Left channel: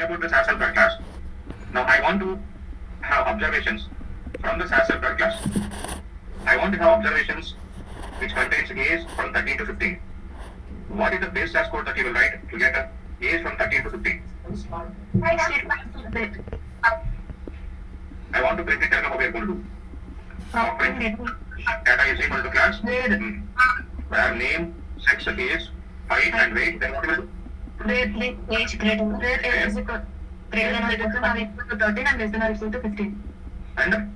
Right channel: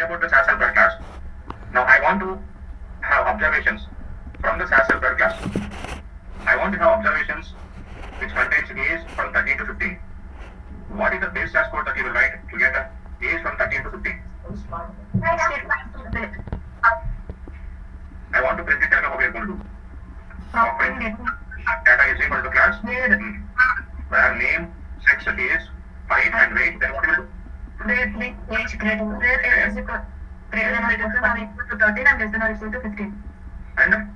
talking about the SAS helper class. Now I want to have observations from the SAS helper class. I want to have observations which contains A's from 13 to 15. What is the base SAS code that you will write to get A's from 13 to 15? I want to print it. Tell me how we are going to do. Print data is equal to class where name, sex is, height and weight. Then what will do? Where age greater where age is equal greater than or equal to 13 and less than or equal to 15. And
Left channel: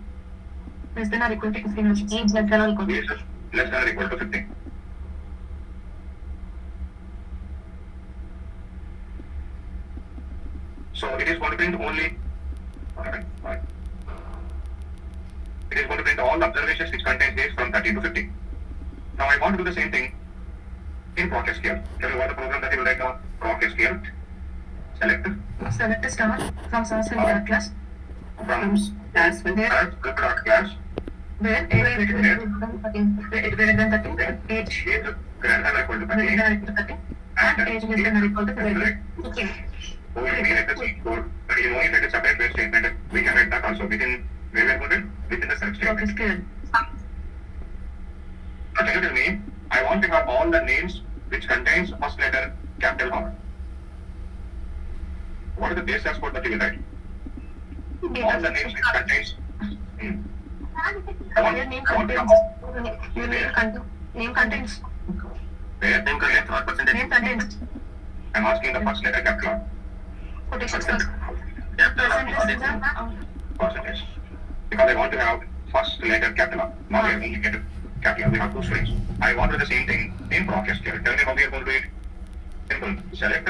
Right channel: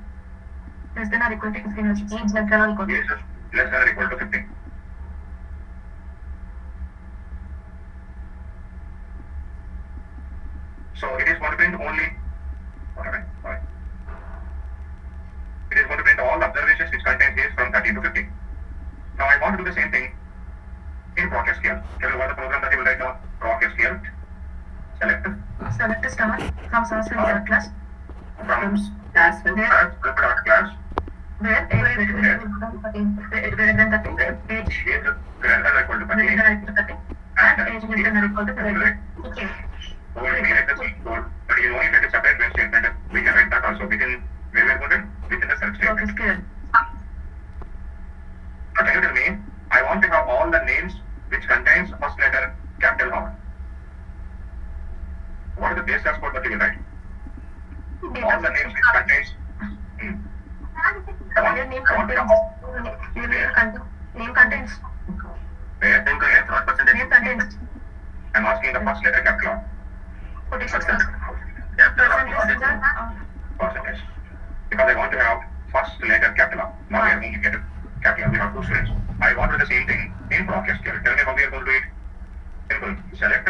Less than or equal to 15. Age less than or equal to yes, less than or equal to 15. So it is going to print only. It is going to print all the observations which contain days from 13 to 15. Now I want to do the same thing in proc SQL. Tell me what the program that you will write now. Proc SQL. Select select a star from SAS helper class from SAS class where age greater than 13 age greater than 13 age greater than or equal to 13 greater than or equal to 13 and age less than or equal to 15. Okay. So we write the C code, but you only write a separate where statement. We can write that also within where we are put it within the self statement. Okay, good. Now can you tell me? I want to have all the names which contains first letter capital R. What is the base SAS code that you will write? All the names which contains. Your name contains. Your name contains. Where? Name contains. I'm asking the first letter capital R. Percentage. Percentage. Because I want to have first letter capital R. Not only get capital. We have two strings. I want to do the same thing in proc SQL. Tell me how we are going to do it. Simple. Select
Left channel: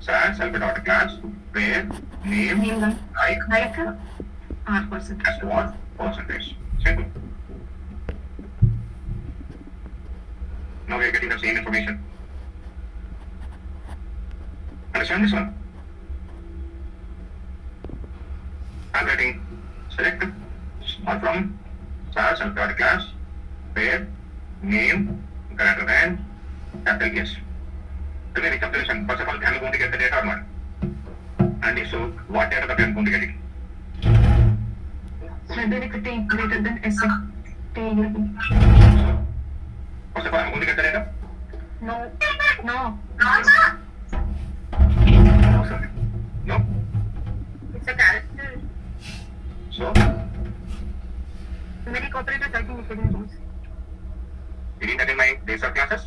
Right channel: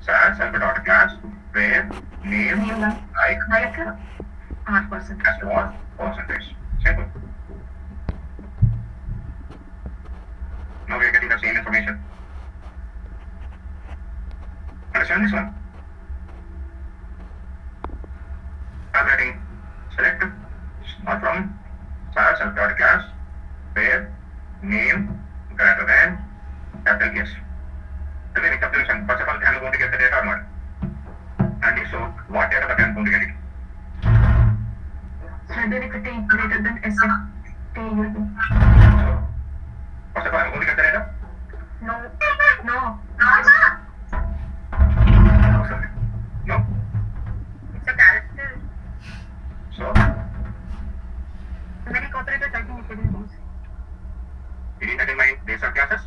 SAS helper dot class where name like R percentage. as what percentage. Simple. Now we are getting the same information. Understand this one? I'm writing select from SAS helper dot class where name greater than capital S. Tell me the calculation. First of all, am I going to get the data or not? And if so, what data that I am going to get it? T greater than S. T greater than. So, first of all, am I going to get the data? No. No? It's a character. So, Very cooperative typing is getting used. reading that in my days of classes?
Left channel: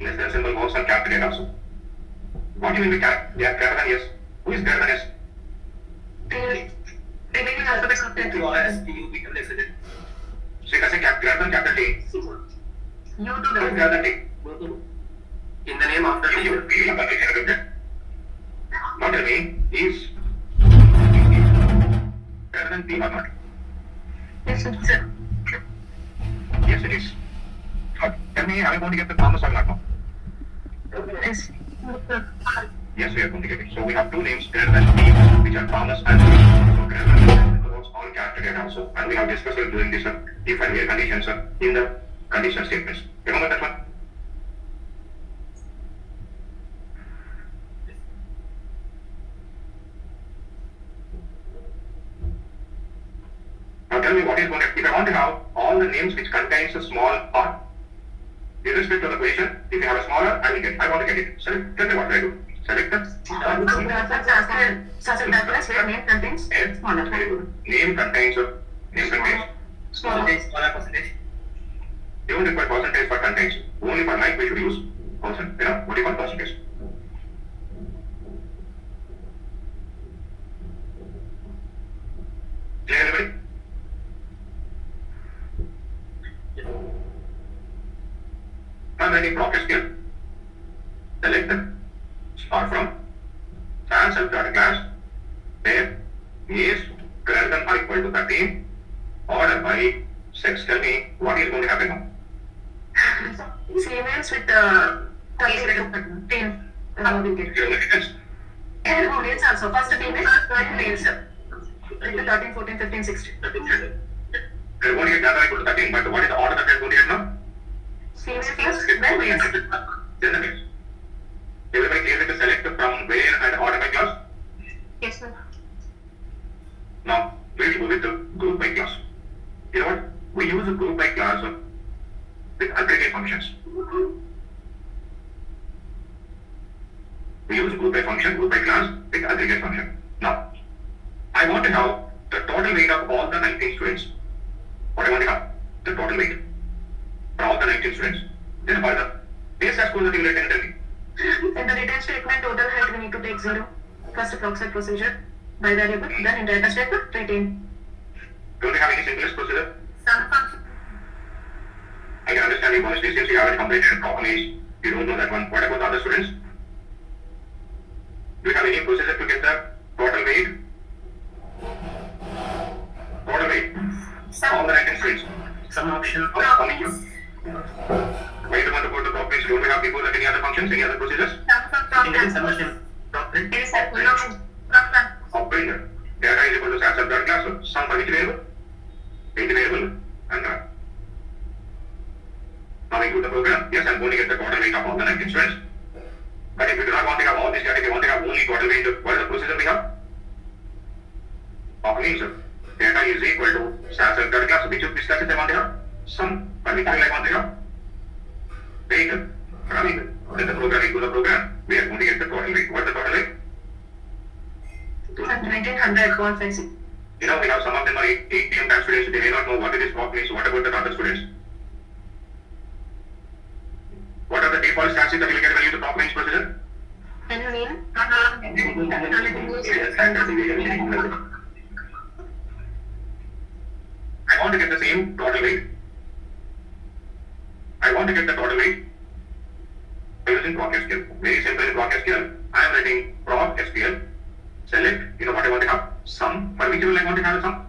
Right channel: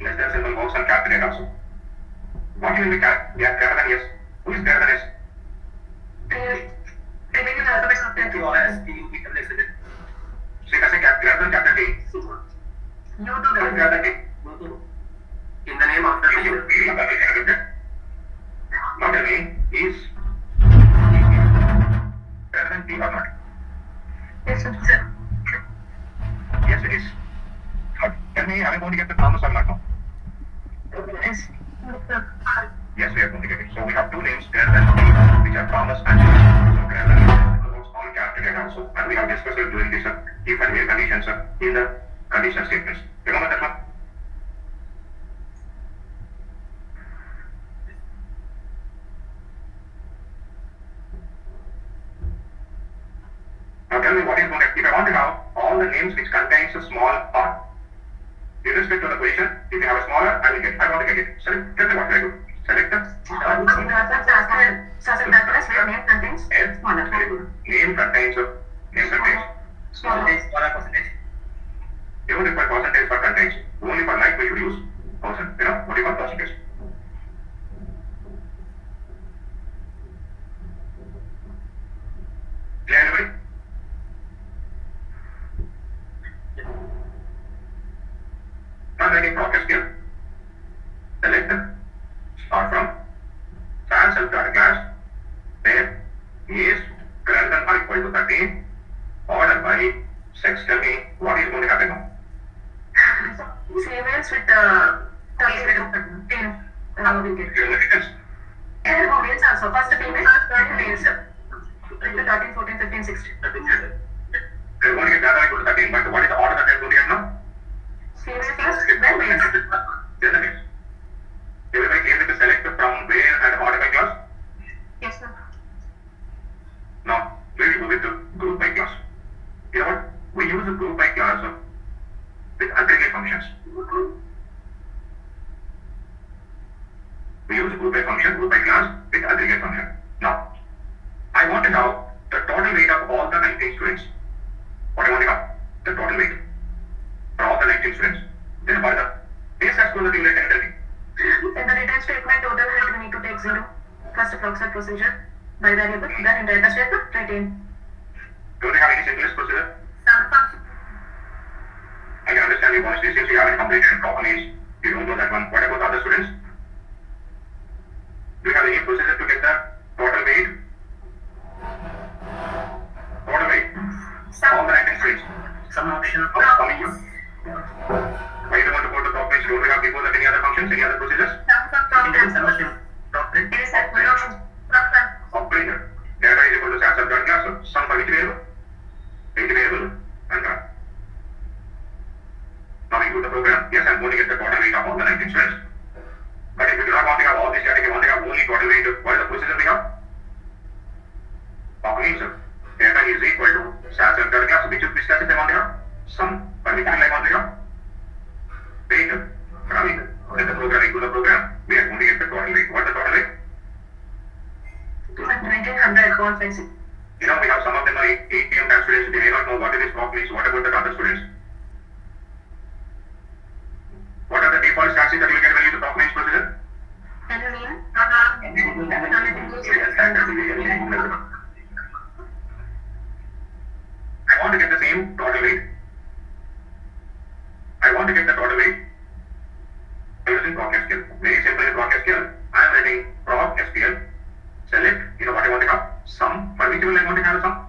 Less than symbol works on calculate also. What do you mean by greater than yes? Who is greater than yes? So you can say greater than capital T. You do Who is greater than T? In the name of the You not tell me is greater than T or not? Yes, sir. Yes, it is. Tell me, are we going to get the promise or not now? Yes. Yes, we are going to get it. So we have two names greater than T, which are promise and so greater than works all calculate also. And we have discussed it during this if and where conditions in the condition statements. Remember that one? Now tell me what is going to, if I want to have all the names which contains a small r, with respect to the position, if you have a smaller, I want to get it. Select, tell me what do I do? Select the SAS where name contains smaller. Very good. Name contains Smaller. percentage. You don't require percentage for contains. Only for like we should use percent. You know, what do you call percentage? Clear everybody? Now writing proc SQL. Select start from SAS helper class where is greater than or equal to 13 order by sex. Tell me what is going to happen now. Females with the 10. Give me the difference. And males also. First females, then males. 13, 14, 15, 16. They're going to get data equal to 13, but what is the order that they're going to get now? Series first, then weights. Then the next. Everybody clear with the select from where and order by class? Yes, sir. Now, we'll go with the group by class. You know what? We use a group by class with aggregate functions. We use group by function, group by class with aggregate function. Now, I want to have the total weight of all the 19 students. What I want to have? The total weight for all the 19 students. Then further, base has to the thing like anything. In the return statement, total height we need to take 0. First approximate procedure by variable, then in data step, retain. Don't you have any simplest procedure? Sum function. I can understand you want this since you haven't completed properly. You don't know that one. What about the other students? Do you have any procedure to get the total weight? Total weight. All the 19 students. Some option. Why do you want to go to top page? Don't we have before that any other functions, any other procedures? Indian summation. Doctrine. Yes, sir. Operator. Data is equal to stats of dot class. So sum for which variable? Weight variable. And now we do the program. Yes, I'm going to get the total weight of all the 19 students. But if you do not want to have all this data, if you want to have only total weight, what is the procedure we have? Of means data is equal to stats of dot class. Which class I want to have? Sum. For which I want to have? Weight. Let the program equal the program. We are going to get the total weight. What is the total weight? 1900.56. You know, we have some of them are 8 PM class students. They may not know what it is block means. What about the other students? What are the default stats that you get when you do block means procedure? Can you read? I want to get the same total weight. I want to get the total weight by using proc SQL. Very simple in proc SQL. I am writing proc SQL. Select, you know what I want to have? Sum. For which will I want to have a sum?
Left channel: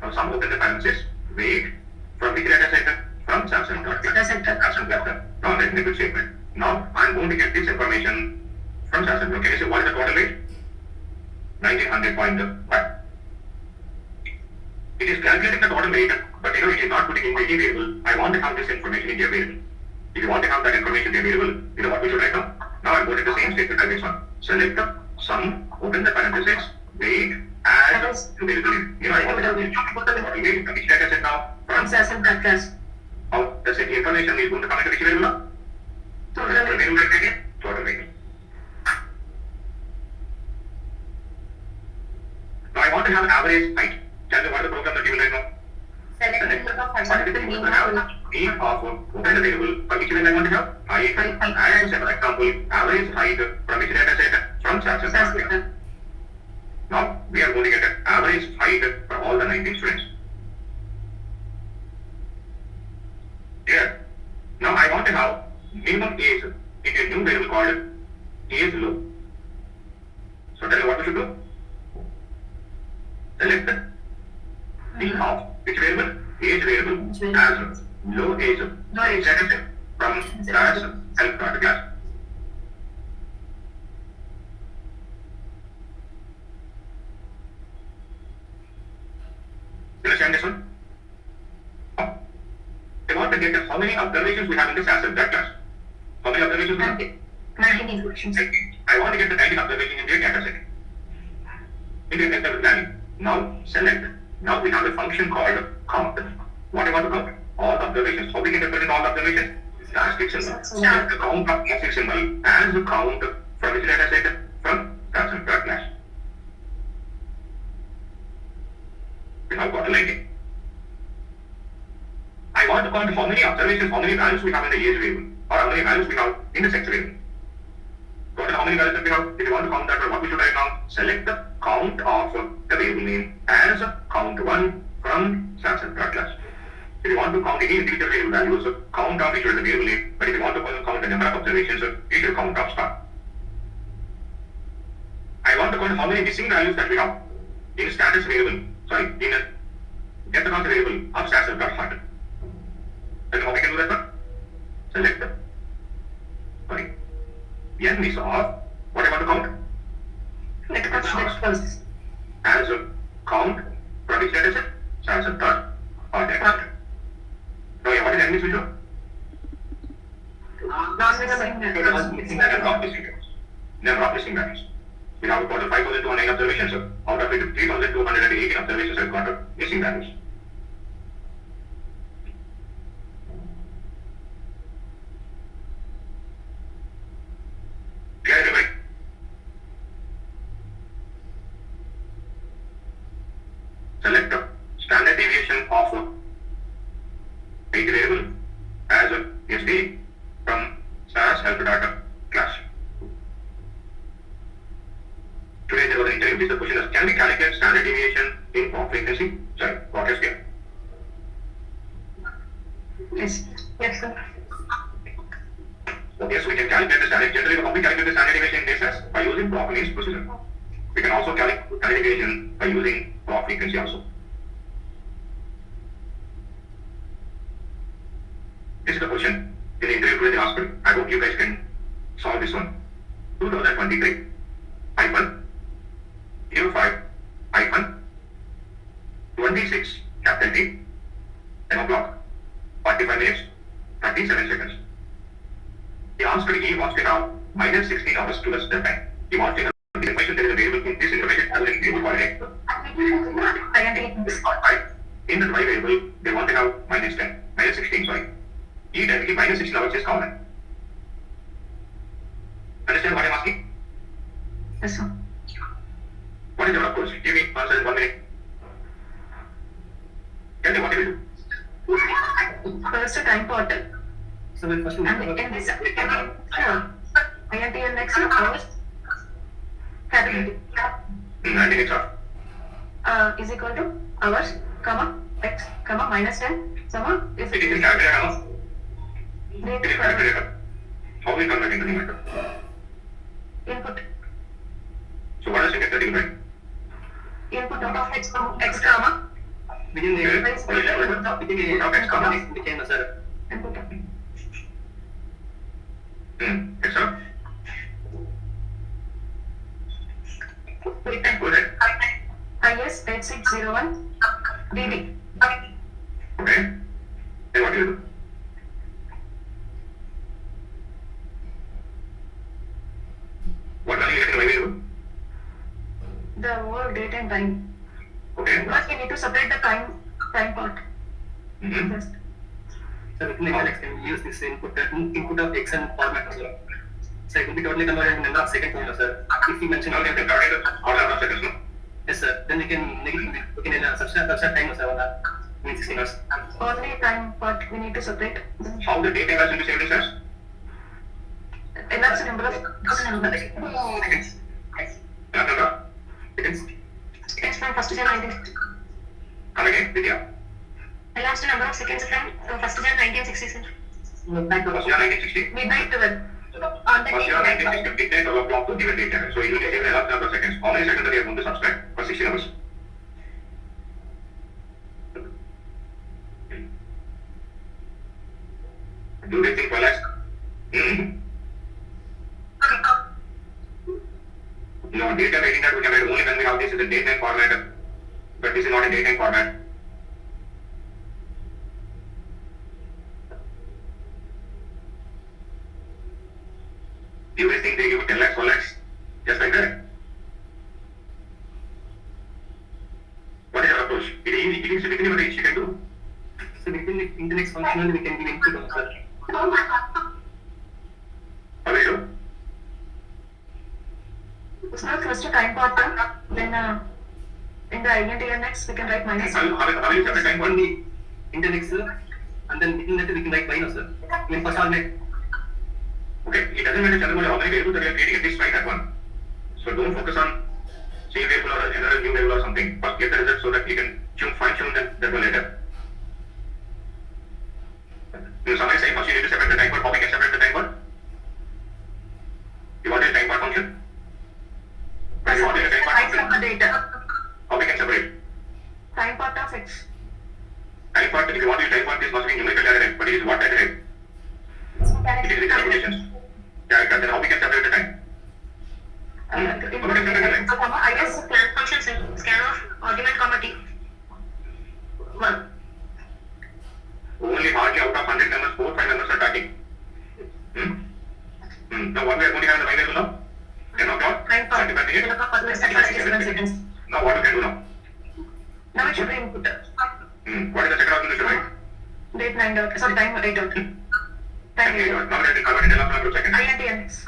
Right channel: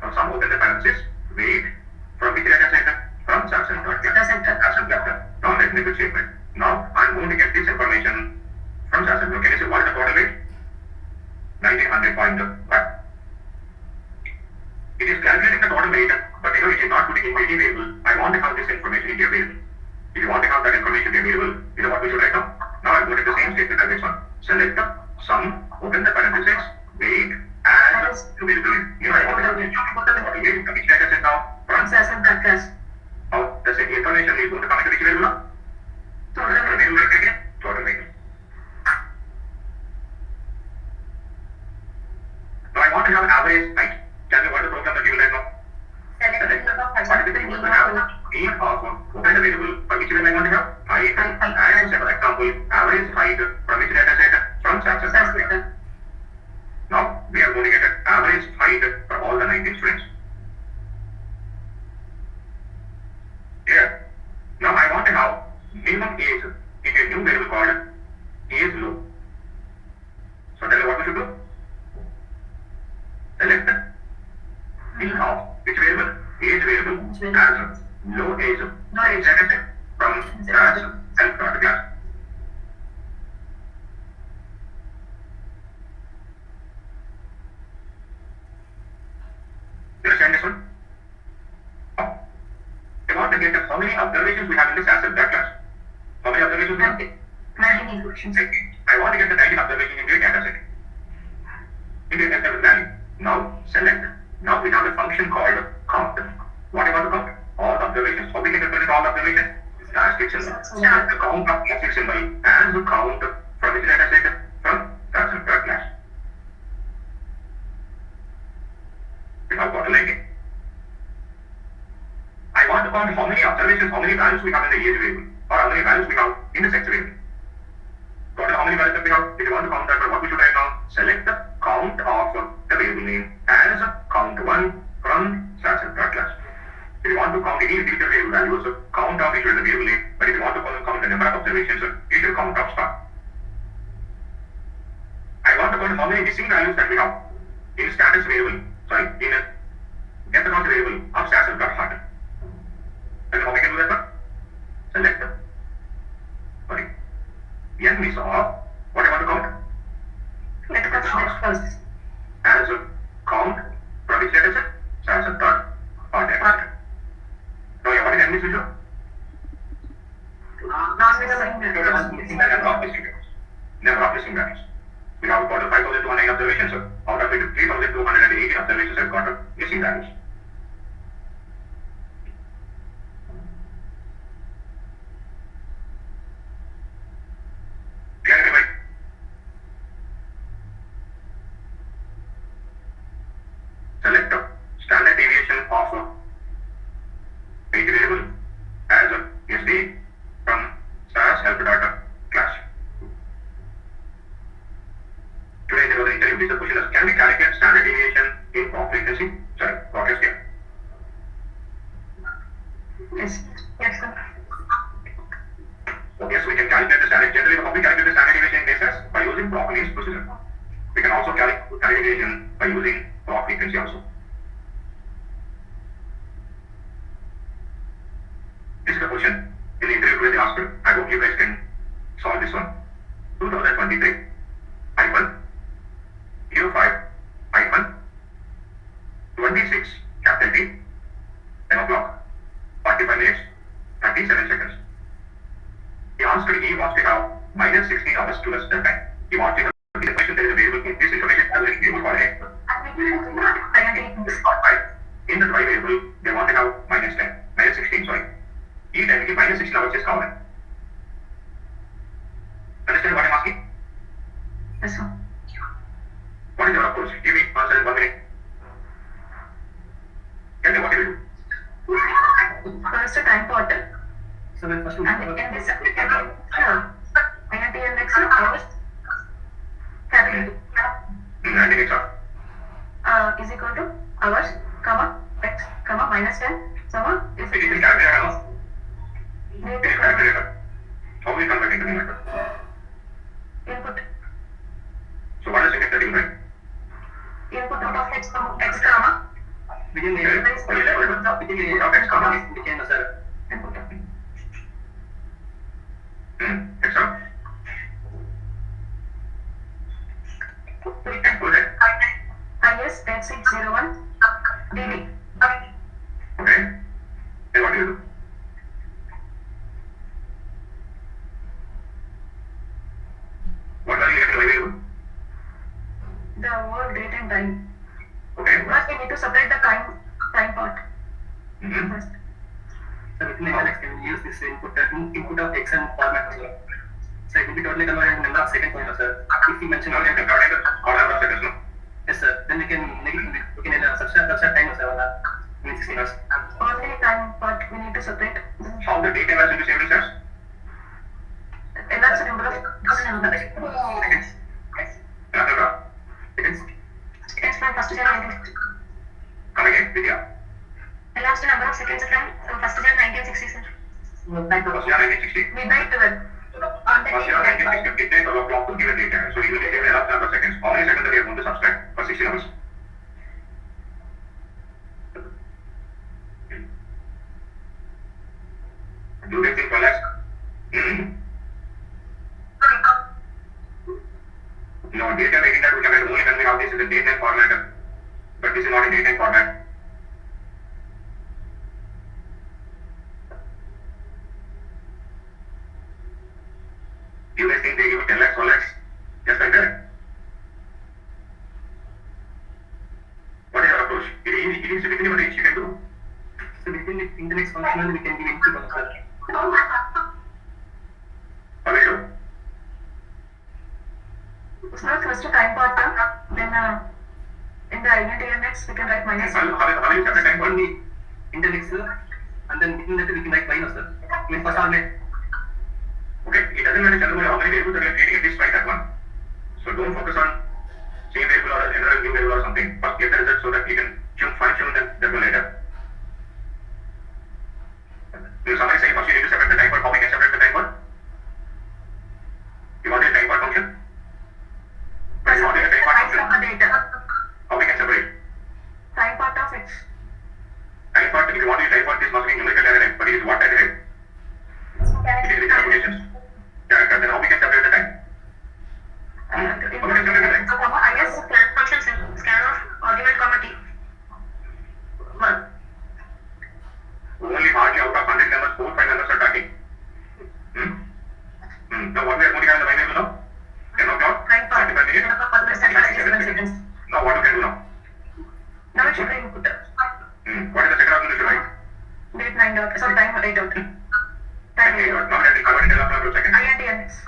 Now sum open the parenthesis. Weight. From which data set? From Samsung. Now let me do statement. Now I am going to get this information from Samsung. Can you say what is the total weight? 1900.5. It is calculating the total weight, but you know it is not putting in any variable. I want to have this information in a variable. If you want to have that information in a variable, you know what we should write now? Now I'm going to the same statement as this one. Select the sum, open the parenthesis, weight, as variable. You know I want to have the total weight. Which data set now? From Samsung class. how the set information is going to come into which variable now? Total weight. Total weight. Now I want to have average height. Tell me what is the program that you will write now? Select the Open the variable for which I want to have height and for example average height from which data set from Samsung. Now we are going to get an average height for all the 19 students. Here. Now I want to have minimum age in a new variable called age low. So tell me what we should do. Select the of which variable? Age variable as low age data set from class help class. You understand this one? I want to get how many observations we have in this asset that class. How many observations we have? 19 equations. I want to get the 19 observations in the data set. In the interval value. Now select. Now we have a function called count. What I want to count? All observations. How we can represent all observations? Statistic symbol. The count of statistic symbol as the count from which data set? From Samsung class. We have got 19. I want to count how many observations, how many values we have in the age variable, or how many values we have in the sex variable. Total how many values that we have. If you want to count that, what we should write now? Select the count of the variable name as count1 from Samsung class. If you want to count any individual variable values, count of each of the variable name. But if you want to count the number of observations, you should count of star. I want to count how many missing values that we have in status variable. Sorry, in a get the count variable of status.heart. And how we can do that one? Select the n is of what I want to count? Let us first. As this window? Number of missing values. Number of missing values. We have got 5,209 observations. Out of it, 3,218 observations have got missing values. Clear, everybody? Select the standard deviation of a variable as a SD from SAS help data class. Today there was an interview. This question is, can we calculate standard deviation in pop frequency? Sorry, what is there? Yes. Yes, sir. Yes, we can calculate the standard. Generally, how we calculate the standard deviation in SAS by using pop means procedure. We can also calculate standard deviation by using pop frequency also. This is the question in the interview today they asked. I hope you guys can solve this one. 2023 hyphen 05 hyphen 26 capital T 10 o'clock 45 minutes 37 seconds. He wants to have minus 16 hours to less than time. He wants to have this information that is available in this information as a variable called X. In the Y variable, they want to have minus 16, sorry. He minus 16 hours is common. Understand what I'm asking? Yes, sir. What is your approach? Give me answer in 1 minute. Tell me what you will do. First, time portal. So when first we And in this, INT next hours, capital T. And then it's off. Is equal to hours, comma, x, comma, minus 10, comma, is It is in calculator now. need It to is calculator. How we convert into numerator? input So what is it that you write? input of x, comma, within the Okay. within Of X comma. we can sir. input of It's up. Go ahead. IS 8601 DD. Okay. Then what do you do? What value you get in the variable? The whole date and time. Okay. But we need to separate the time part Mm-hmm. first. So within the X can use this input of X and format as well. So it will be totally converted in number of seconds only, sir. If you mention Now you can calculate the order of seconds, no? yes, sir. Then we can subtract time, sir. Mean 16 hours. Only time part we need to separate. How the data was into saved as? And that's the number of Seconds. After Seconds. seconds from first to 19. come again, Vidya. The last number of seconds from first to 1960. First year 1960. Midnight 12. On the First year date. 1960, midnight 12 o'clock to given date. So you will receive the last number of seconds. How many seconds are you going to subtract for 16 hours? Do they think well as? No, data writing that we can write only when we have this is a date and format, but this is not a date and format. You guys think they give 10 lakhs, 1 lakhs, just like that? What is your approach? It is within what you can do. So within the index function we can give input on, sir. How will you do? It's not first to time part, then in the INTNX we can write minus How will you separate time On one? the index, sir, and then within that we can write minus, sir. I mean first argument. Okay, it doesn't matter Chandramani, how many variables are you creating, at least write that one. So don't focus on same variable or another new variable or something. First get the result so that you can fine tune that one later. Somebody say first you need to separate the time code. How we can separate the time code? You want a time code function? But you want a time code function? from the data. How we can separate? Time part of X. Time code, if you want to time code, this must be numerical data, but it is what data type? It is literal quotations. Character, then how we can separate the time? I guess scan function scan of argument comma T. 1. Only hardly out of 100 Output should be input. What is the second output you should write? Date 9 dot. Sorry, time 8 dot. Time Okay, 8 now dot. let me convert it to second. INT and X.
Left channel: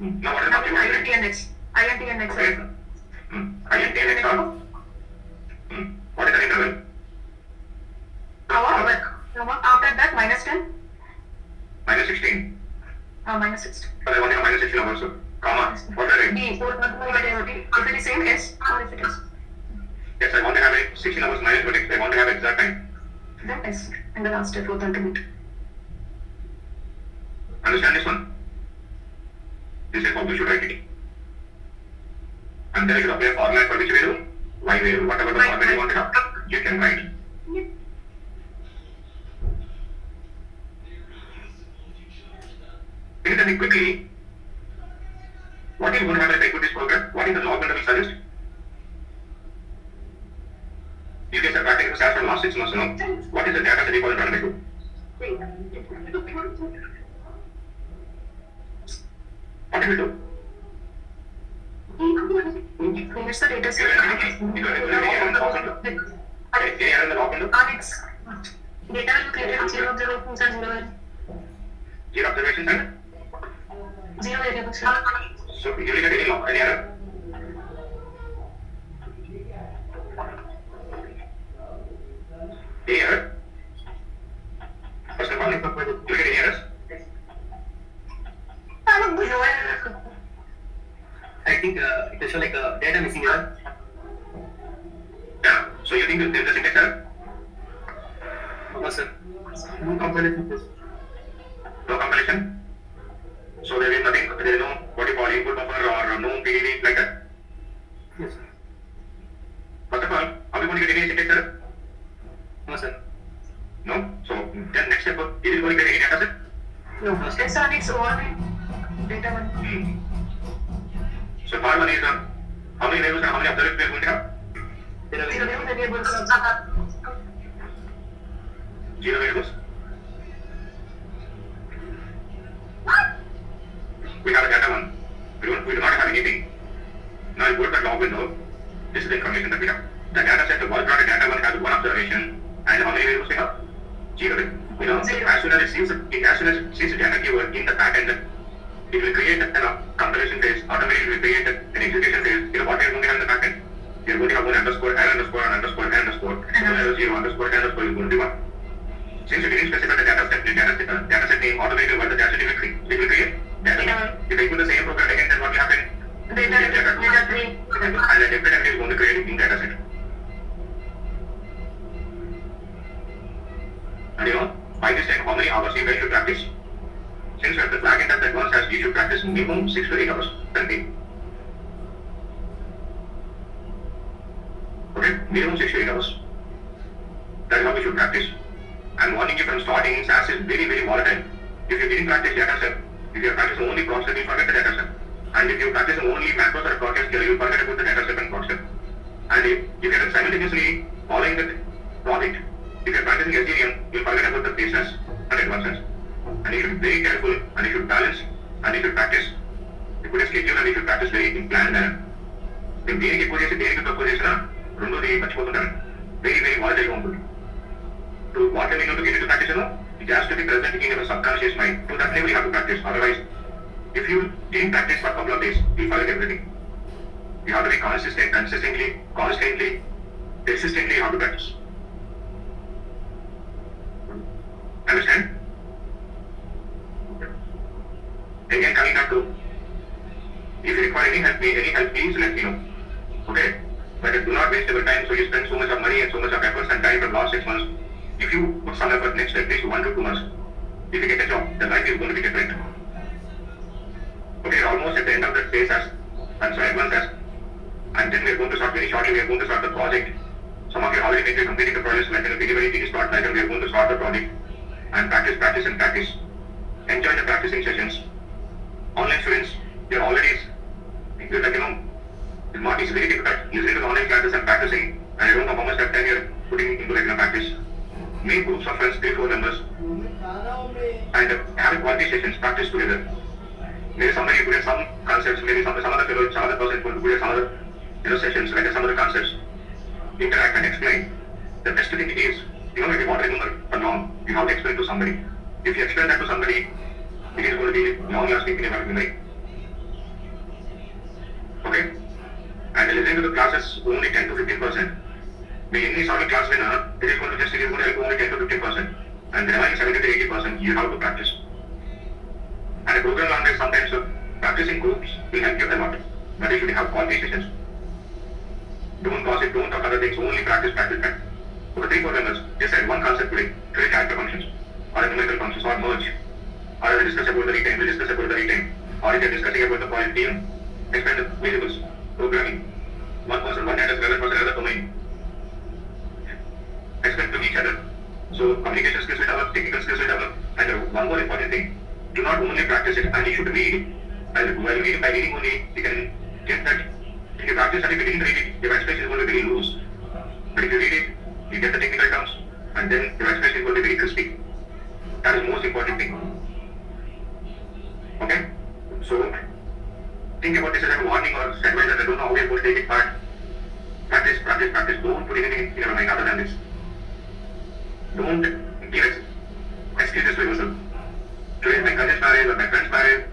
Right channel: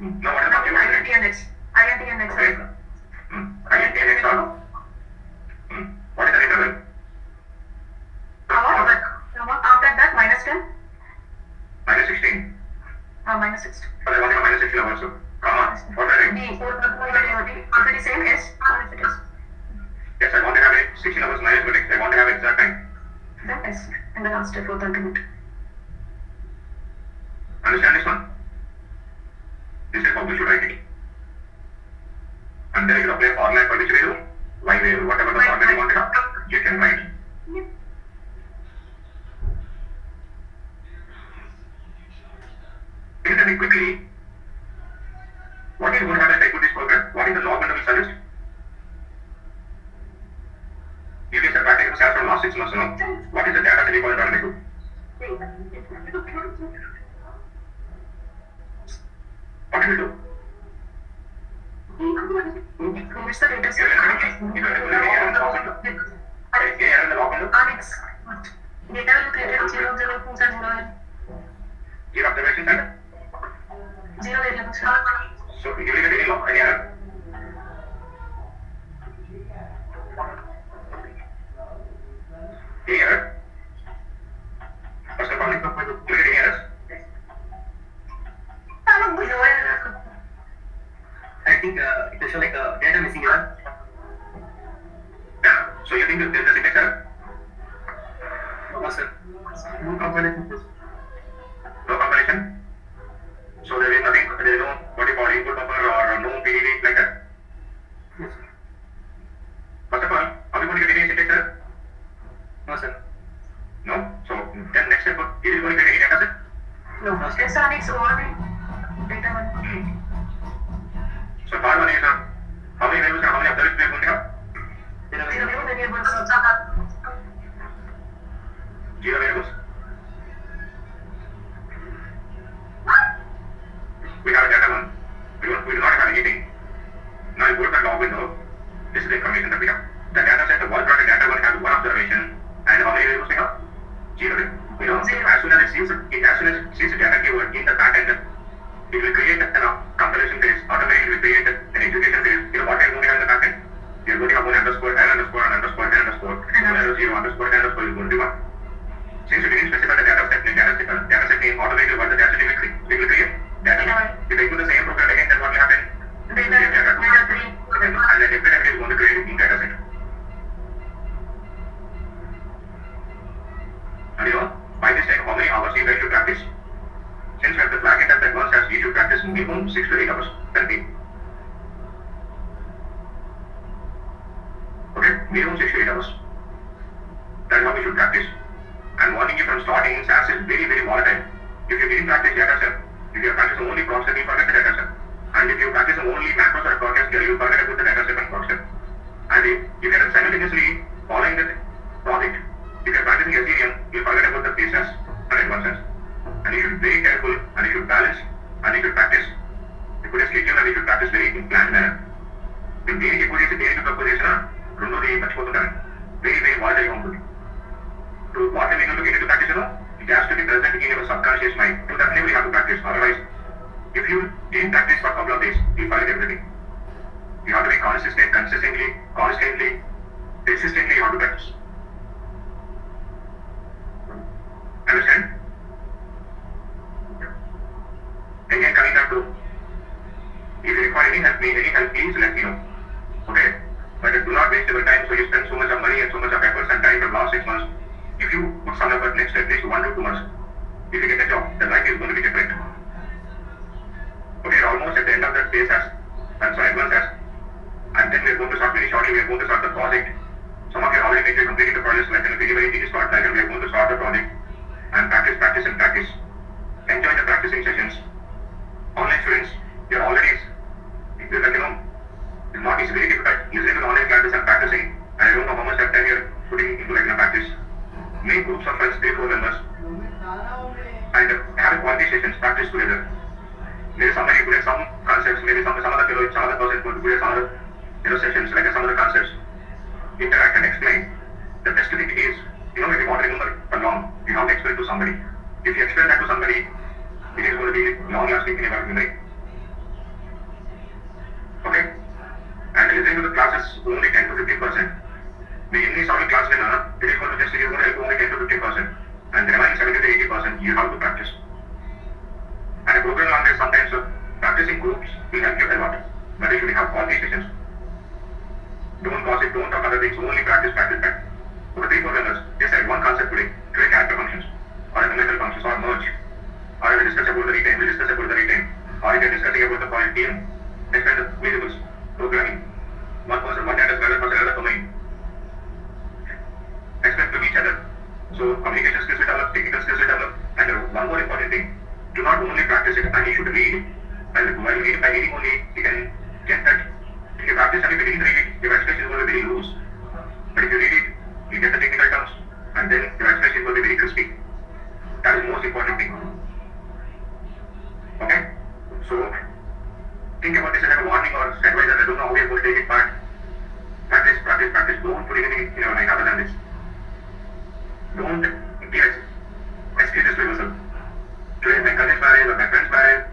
Now what is the Now first you want to INT write? and X. INT and X. Okay. INT and X are? What is the interval? After that, minus 10. Minus 16. Minus 16. But I want to minus 16 also. Comma. What will I write? If it is same S or if it is Yes, I want to have a 16 hours minus vertex. I want to have exact time. then S and the last fourth argument. Understand this one? This is how we should write it. And then you should apply a formula for which value, y value, whatever the formula you want to have, you can write. Can you tell me quickly, what is going to happen if I put this program? What is the log window will suggest? You guys are practicing stats from last 6 months now. What is the data set you call it on to? What do we do? Finish the data set. You can regularly error in the log window. Okay, error in the log window. Alex, data will create 0 observations and 0 Zero observations and variables. so you will get any log, any error. Any error? First of all, you will get any errors. I think it will show like a data missing error. Yeah. So you think there is a syntax error? No, sir. No compilation test. No compilation? So there is nothing, there is no what you call input buffer or no PDD like that? Yes, sir. First of all, are we going to get any syntax error? No, sir. No? So then next step, is it going to get any data set? No, sir. It's on its own data one. So part one is how many variables and how many observations we are going to have? 0 variables. Zero variables. We have a data one. We do not have anything. Now you go to the log window. This is the information that we have. The data set, the wall product data one has one observation. And how many variables we have? Zero. You know, as soon as it sees the data keyword in the backend, it will create a compilation phase. Automatically it will create an execution phase. You know what we are going to have in the backend? We are going to have one underscore, n underscore, n underscore, n underscore. So 0 underscore, n underscore is going to be 1. Since we didn't specify the data set name, automatically what the data set will create. Data. If I do the same program again, then what will happen? Data 3. And the different entry is going to create in data set. And you know, by this time, how many hours you guys should practice? Since we have the flag in that advanced as you should practice minimum 6 to 8 hours per day. Okay, minimum 6 to 8 hours. That is how we should practice. And warning you from starting SAS is very, very volatile. If you didn't practice data set, if you practice only process, you forget the data set. And if you practice only macros or context, you will forget about the data set and concept. And if you can simultaneously following the project, if you're practicing SDM, you'll forget about the basis and advances. And you should be very careful, and you should balance, and you should practice. You put a schedule and you should practice very in planned manner. If దేనికి ఎక్కువ చేసి దేనికి తక్కువ చేసినా రెండోది మర్చిపోతుంటారు. Very, very volatile ఉంటుంది. So what are we going to get into practice? It has to be present in your subconscious mind. To that level you have to practice. Otherwise, if you didn't practice for a couple of days, you'll forget everything. You have to be consistent, constantly, persistently you have to practice. Understand? Again, coming back to, if you require any help, please let me know. Okay? But do not waste your time, so you spend so much of money and so much of efforts and time for the last 6 months. If you put some effort next at least 1 to 2 months, if you get a job, then life is going to be different. Okay, almost at the end of that phase and so advanced as, and then we are going to start very shortly, we are going to start the project. Some of you already maybe completed the project, like in a very easy start, like we are going to start the project and practice. Enjoy the practicing sessions. Online students, you're already, you're like, you know, it's not easy, very difficult. Listening to the online classes and practicing, and I don't know how much of time you're putting into regular practice. Make groups of friends, 3-4 members, and have quality sessions, practice together. Maybe somebody good at some concepts, maybe some other fellow, some other person good at some other, sessions, like some other concepts. Interact and explain. The best thing is, if you want to remember for long, you have to explain to somebody. If you explain that to somebody, it is going to be long-lasting in your memory. Okay? And listening to the classes only 10 to 15%. The any sort of class winner, it is going to help only 10 to 15%. And the remaining 70 to 80%, you have to practice. And a program language sometimes practicing groups will help you a lot. But if you have quality sessions, don't gossip, don't talk other things, only practice. For 3-4 learners, decide one concept today character functions, or numerical functions, or merge, or if we discuss about the retain, we discuss about the retain, or if we are discussing about the point game, explain the variables, programming, one person, one data, another person, another domain, explain to each other. So communication skills will develop, technical skills will develop, and one more important thing, do not only practice it, and you should read. By reading only, you can get that. If you practice and if you didn't read it, your expression is going to be very loose. But if you read it, you get the technical terms, and then your expression is going to be very crispy. That is the most important thing. Okay? So, think about this as a warning or advice. I don't know how we are going to take it, but practice. Don't put anything in your mind other than this. Don't give excuses to yourself. Today my cousin's marriage or my friend's marriage,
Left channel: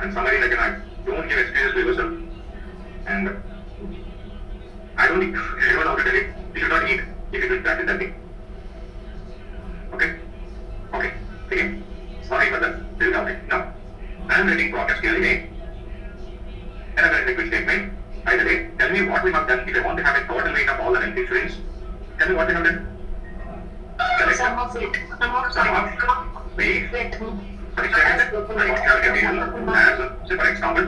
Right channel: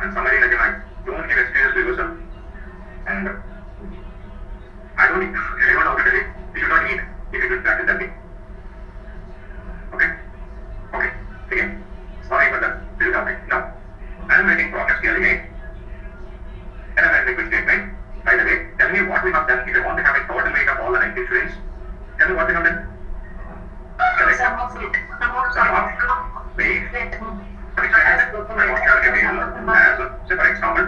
and somebody like that, don't give excuses to yourself. And I don't ever know to tell you, you should not eat if you don't practice that thing. Okay? Again? Sorry for that. This is okay. Now, I am writing progress clearly made. And I will quick statement. By the way, tell me what we have done. If I want to have a total weight of all the 90 students, tell me what we have done. Some of it. Weight. For example, total weight. For example,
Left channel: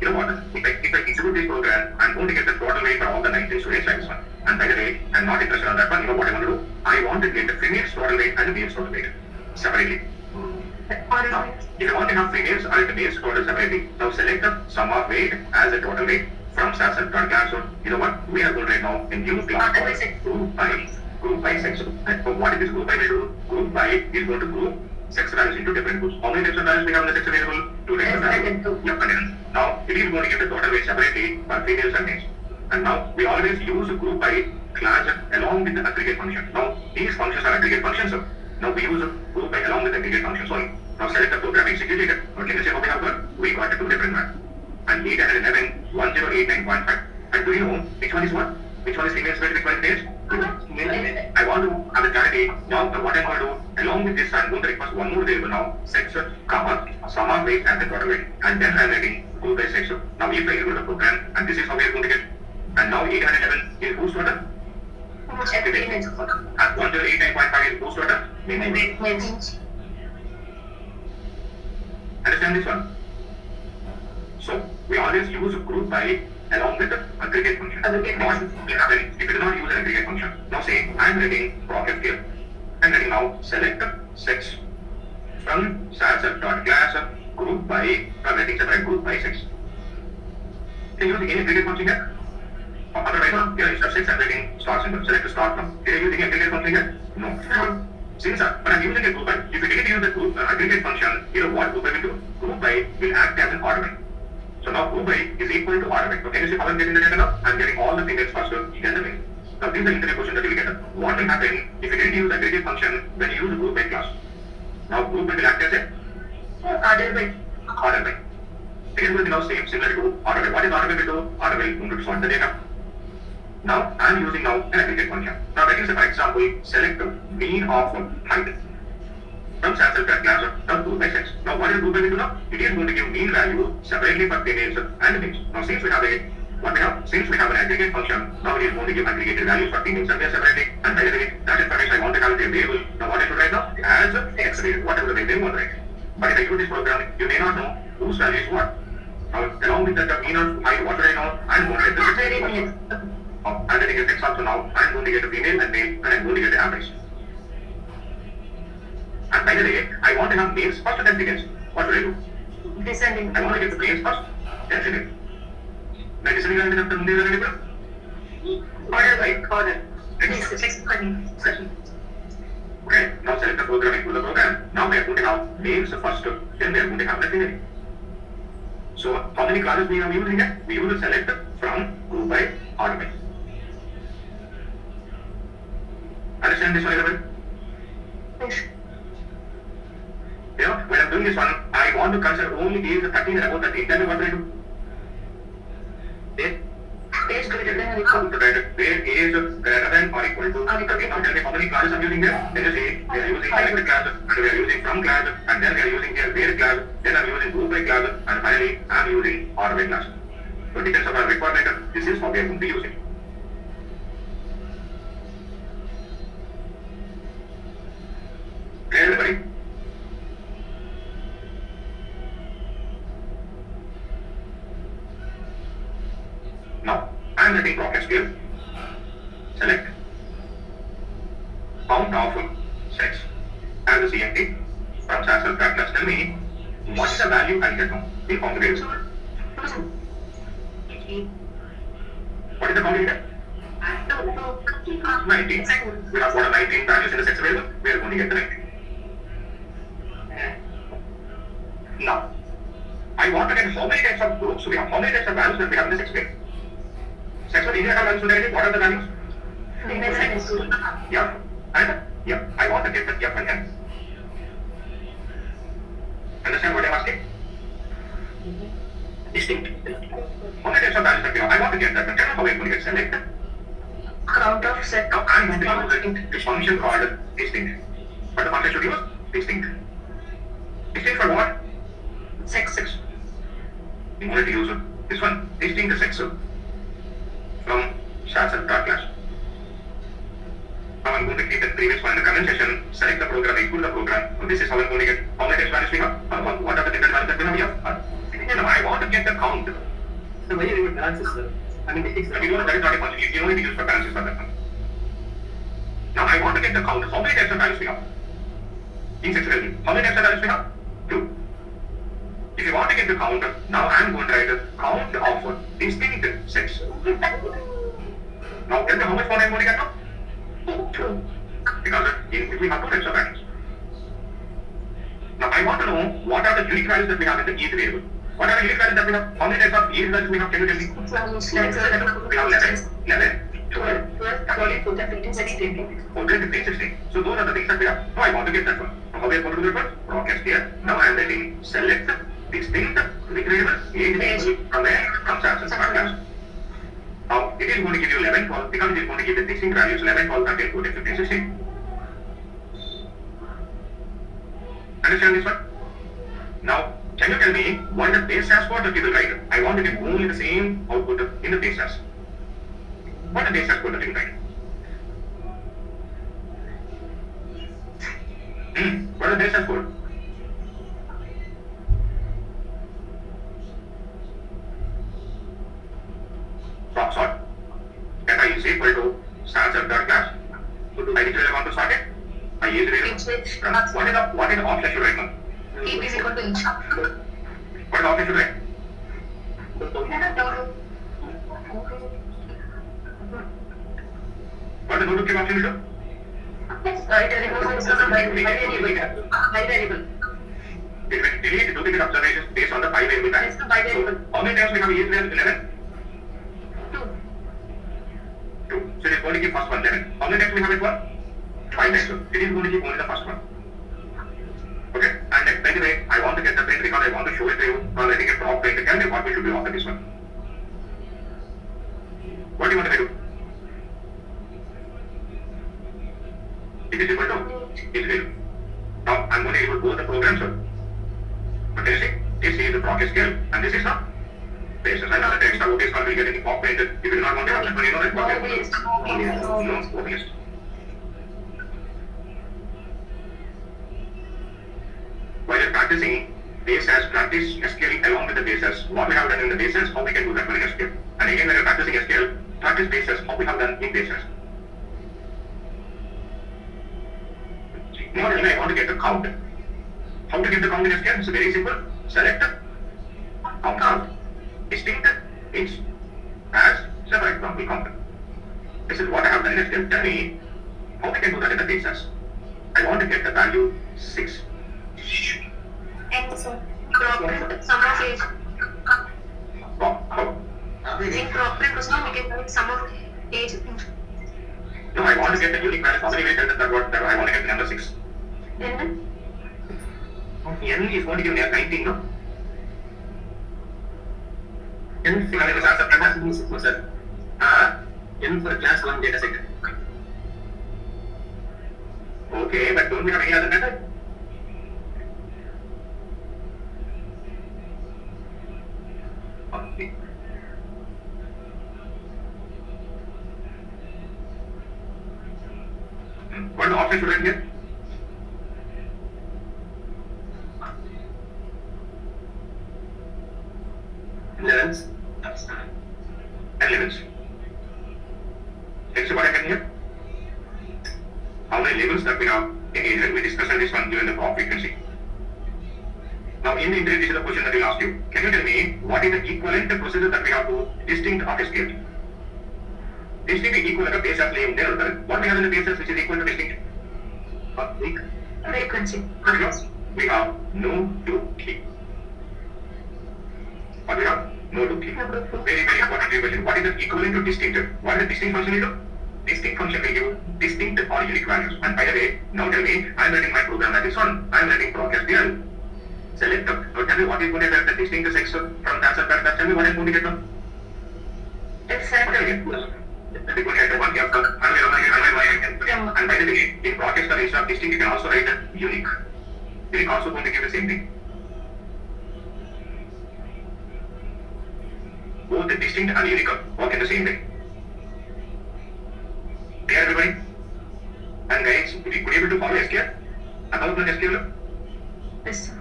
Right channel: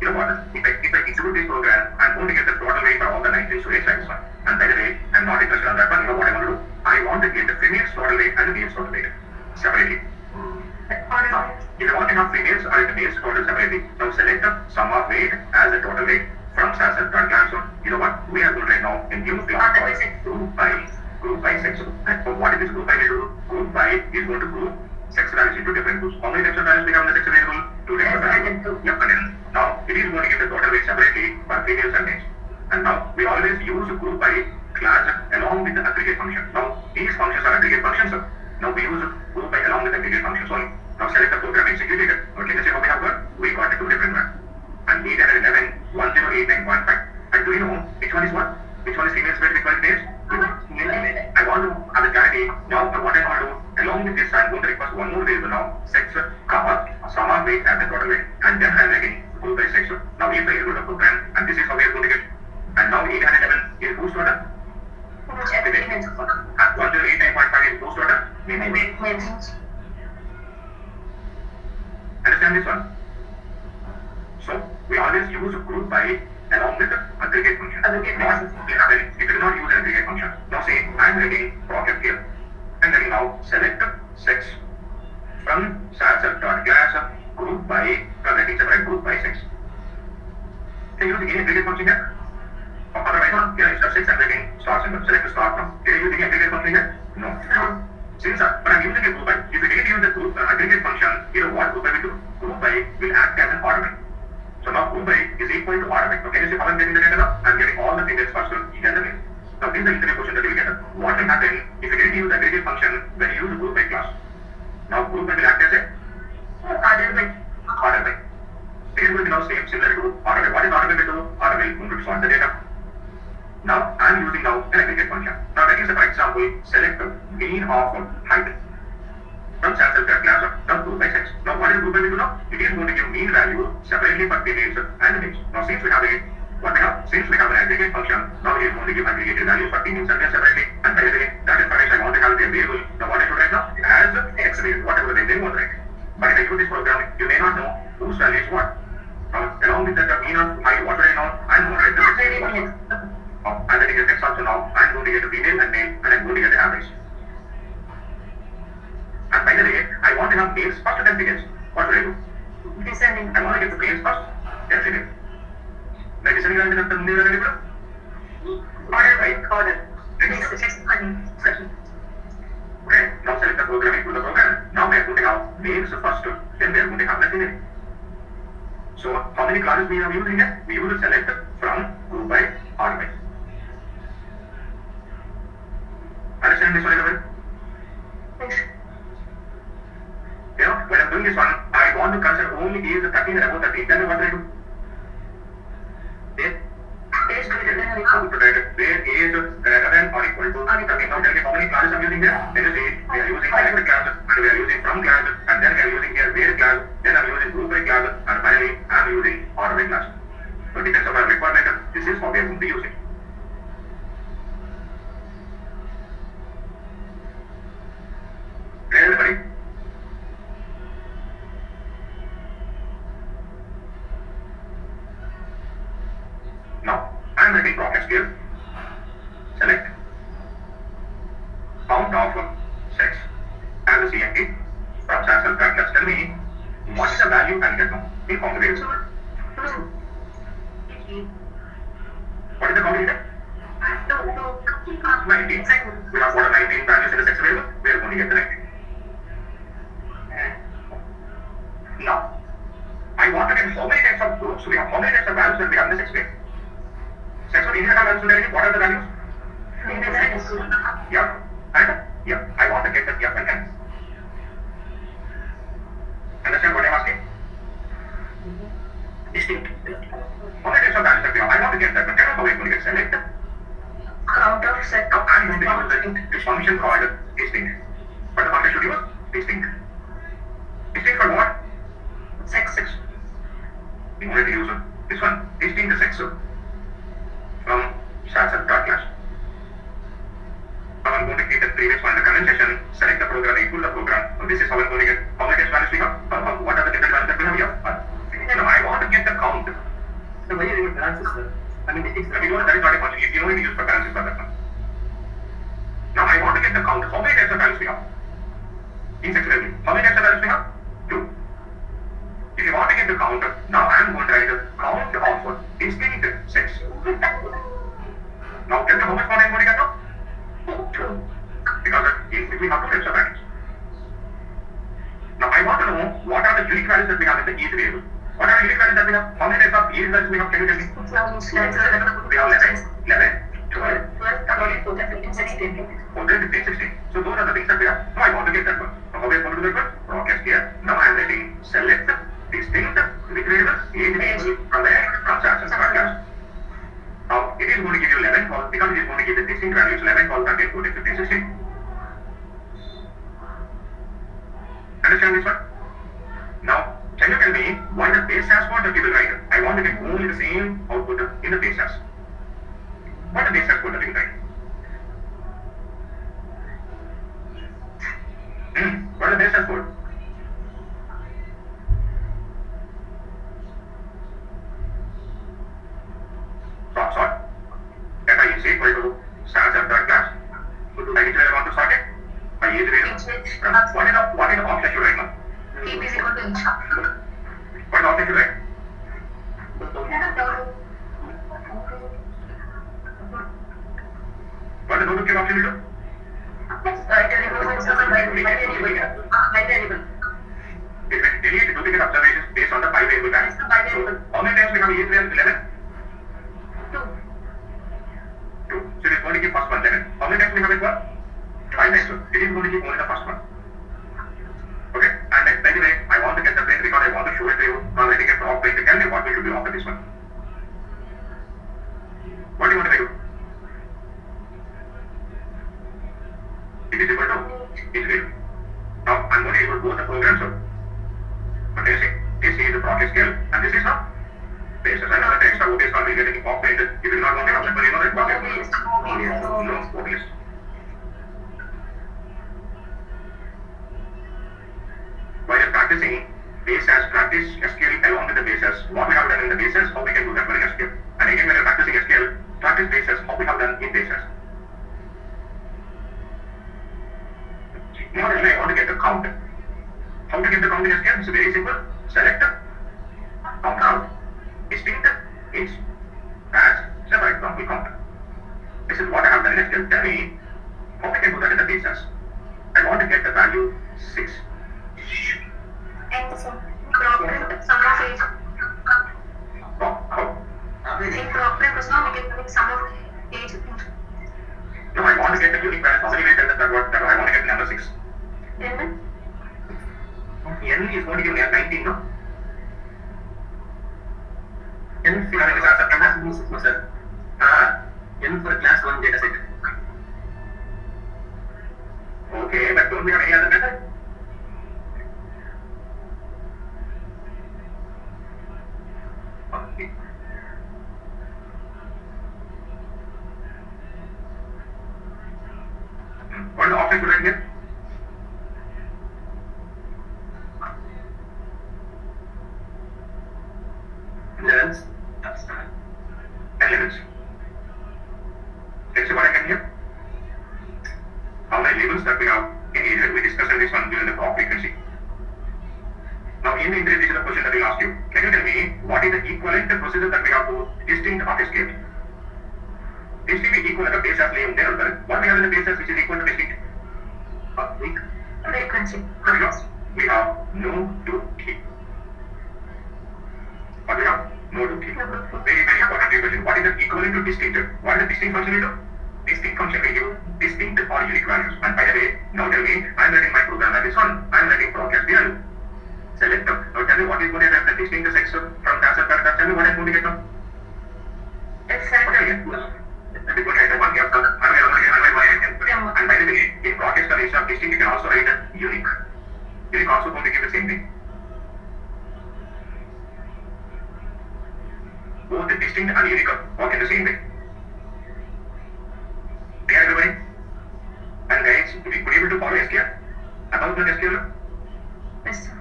you know what? If I execute this program, I'm going to get the total weight for all the 19 students like this one. And by the way, I'm not interested on that one. You know what I want to do? I want to get the female's total weight and the male's total weight separately. Now, if you want to have females and the male's total separately, now select the sum of weight as a total weight from SAS and class. So, you know what? We are going right now in new class called group by sex. And what is this group by? Group by is going to group sex values into different groups. How many types of values we have in the sex available? 2 types of values. Now, it is going to give the total weight separately for females and males. And now, we always use group by class along with the aggregate function. Now, these functions are aggregate functions. Now, we use group by along with aggregate functions only. Now, select the program, execute it. Okay, let's see how we have got. We got 2 different ones. And 811, 1089.5. And do you know which one is what? Which one is females weight, which one is males? I want to have a clarity. Now, what I'm going to do, along with this, I'm going to request one more variable now, sex, comma, sum of weight and the total weight. And then I'm writing group by sex. Now, if I use the program, and this is how we are going to get. And now 811 is whose total? And 1089.5 is whose total? Males. Understand this one? So, we always use group by along with the aggregate function. If you do not use an aggregate function. Now say, I am writing program here. And then now select sex from class group by, I'm writing separate group by sex. Can you use any aggregate function here? Otherwise, instead of 6, I'm writing star symbol. Select the star from. Can I use any aggregate function here? No. Since but I'm using a group by, if you didn't use the group aggregate function, you know what group by will do? Group by will act as an ornament. So now group by is equal to ornament. Okay, you see how I'm getting the data now? I'm getting all the females first to get the male. Now this is the interview question that you will get. What will happen if you didn't use aggregate function when you use group by class? Now group by will act as a order by. It is going to be now similar to order by. What is order by will do? Order by will to sort the data. Now I am using now an aggregate function. Now let us say for example select the mean of height from sample class of group by sex. Now what is group by will do now? It is going to give mean value separately for females and males. Now since we have an aggregate function, now it is going to give aggregated values for females and males separately. And by the way, that information I want to have a variable. Now what I should write now? As x variable, whatever the name want to write. But if I use this program, you may not know whose value is what. Now along with that the mean of height, what should I know? I am going to write the variable. I'm going to get text also now. I'm going to get a female and male, and I'm going to get the average. And by the way, I want to have males first and then females. What should I do? Descending. I want to get the males first, then female. By descending on the new variable? Order by order. Section. Okay, now select the program into the program. Now we are going to have males first, then we are going to have the female. So, how many classes we are using here? We use select from group by order by. only he is 13 and above 13. Tell me what do I do? Age greater than or equal. Where age greater than or equal to 13. Now tell me how many classes I'm using there? Then you say we are using selected classes and we are using from classes and then we are using here where class. Then I'm using group by classes and finally I'm using order by class. So it depends on our requirement. This is how we are going to use it. Clear everybody? Now, I'm writing brackets here. Select count of sex and the CNT from SAS and brackets. Tell me what is the value I'll get now in combination. What is the combination? 19. We have got a 19 values in the sex variable. We are going to get the 19. Now, I want to get how many types of groups we have, how many types of values that we have in the sex variable. Sex of India values, what are the values? Yeah. And yeah, I want to get the F and M. Understand what I'm asking? Distinct. How many types of values that we have? I want to get that, but how are we going to get select? Count of set. Now I'm going to use this function called distinct. But the function should use distinct. Distinct for what? Sex. We wanted to use this one, distinct the sex from SAS and class. Now I'm going to keep the previous one in the comment section, select the program, equal the program. So this is how I'm going to get how many types values we have, what are the different values that we have here. Now I want to get the count. So when you use balances, sir, I mean, If you know that is not a function, you only use for balances for that one. Now I want to get the count. How many types of values we have? In sex value. How many types of values we have? 2. If you want to get the count, now I am going to write a count of distinct sex. Now tell me how much more I am going to get now? 2. Because we have 2 types of values. Now I want to know what are the unique values that we have in the each variable. What are the unique values that we have? How many types of unique values we have? Can you tell me? We have 11, 12, 13, 16. So those are the things that we have. So I want to get that one. So how we are going to do that one? Brackets here. Now I am writing select distinct with variable age from where? From SAS and class. Now it is going to give you 11, 12 because it is going to give the distinct values 11, 12, 13, 14, 15, 16. Understand this one? Now can you tell me what is the base SAS code that you will write? I want to get only the same output in the base SAS. What is the base SAS code that you will write? What is the base SAS code? Sort. Data is equal to SAS and third class. I need to want to sort it. I use it. What is the option should write now? Heap is equal to inch. What option should write? What the no-to-click option will do? It will delete duplicate observations based on the 5 variable values. So how many times we have used 11? 2. So it is going to give first one 11. How many times we have it one? 5 times. So it is going to give only the first one. Okay, and then by the way, I want to get the print because I want to show it to you. So I'm writing a prop print. Tell me what we should do after this one. What do you want to do? It is equal to it will. Now I'm going to use both the programs. But you see, this is the property scale and this is the basis. I know the text of this will be getting incorporated. If you do not want to have that, you know that what we have to do. No, obvious. While you're practicing base as practice SQL along with the bases, what we have done in the bases, how we can do that in SQL. And again, when you're practicing SQL, practice bases, how we have done in bases. Now I want to get the count. How to get the count in SQL? It's very simple. Select count distinct is as separate example count. This is what I have done in SQL. Tell me how we can do that in the bases. I want to get the value 6. And so, proper sum of age. How? In proper question, we get sum of age. No, I want to get the unique value. How many ways that I want to get number 6? N? N is going to give me a 19, no? N for class, sir. N for class 1 data set. Okay, but don't we have any other method? Okay. What the option should I get? Levels. Elements. Next, what I can hear? How many labels that we have in here? We discussed this one during the clock frequency. Now, in the interview, this is the question that we asked you. Can you tell me what is the equivalent procedure that we have to distinct orchestrate? Distinct is equal to the base of name there. What we have in the bases which is equal to distinct? Frequency. We have no to key. What we have? No to key. Very, very important question. What is the equivalent to distinct? What is the distinct function we do? Distinct function we give distinct or unique values. And by the way, now tell me, I am writing my program like this one. I am writing process here. Select now tell me what is going to get the distinct sex from that subtract. Tell me what I'm going to get now. Exactly. And by the way, in process the instead of distinct, you can also write a unique. Unique also going to give the same thing. Both the distinct and unique work in the same way. Clear everybody? And guys, if you could able to follow SQL, about the SQL, Yes, sir.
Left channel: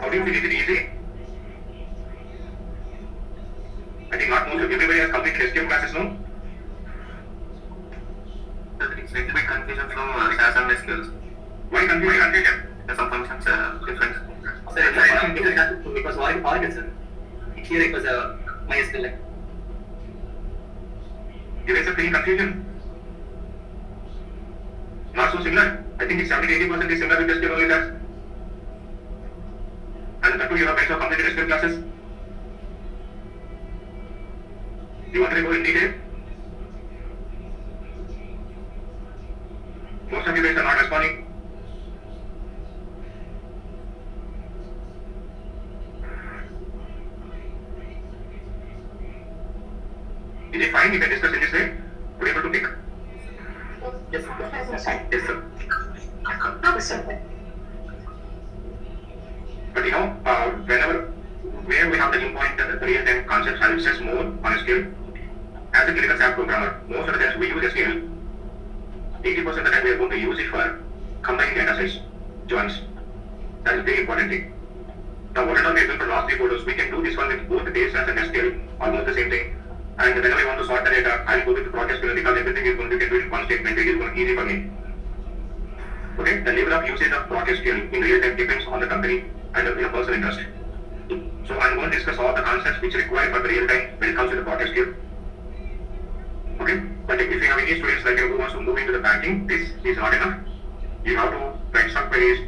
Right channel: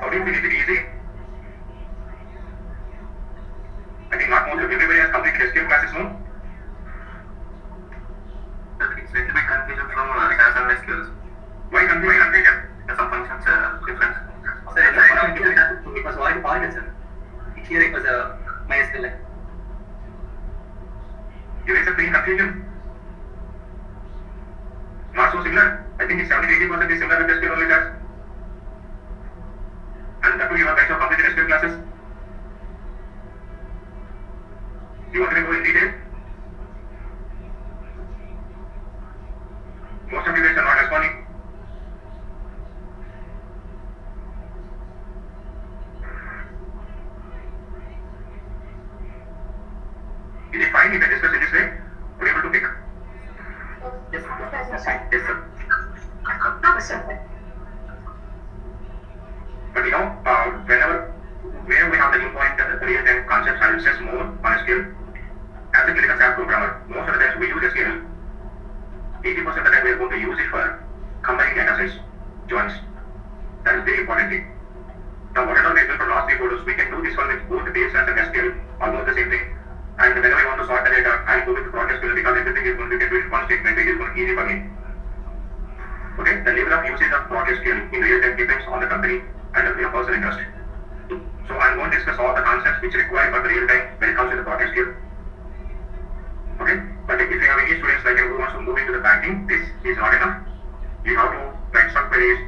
how do you feel? Is it easy? I think not most of everybody has completed SQL classes, no? It's a little bit confusion from SAS and SQL. Why confusion? Some functions are different. Sir, it was Oracle, sir. Here it was MySQL. You guys are feeling confusion? Not so similar. I think it's 70-80% is similar with SQL only that. And that too you have guys have completed SQL classes. You want to go in detail? Most of you guys are not responding. Is it fine if I discuss in this way? Are you able to pick? Yes, Yes, sir. No, sir. But where we have the important real-time concepts and access more on a skill, as a clinical staff programmer, most of the times we use a skill, 80% of the time we are going to use it for combining data sets, joins. That is very important thing. Now, what are we doing for last 3 photos? We can do this one with both the base class and SQL, almost the same thing. And whenever I want to sort the data, I'll go with the process because everything is going to get with one statement, which is going to be easy for me. Okay, the level of usage of process skill in real time depends on the company and the personal interest. So I'm going to discuss all the concepts which are required for the real time when it comes to the process skill. Okay, but if you have any students like you who wants to move into the banking, this is not enough. You have to write some queries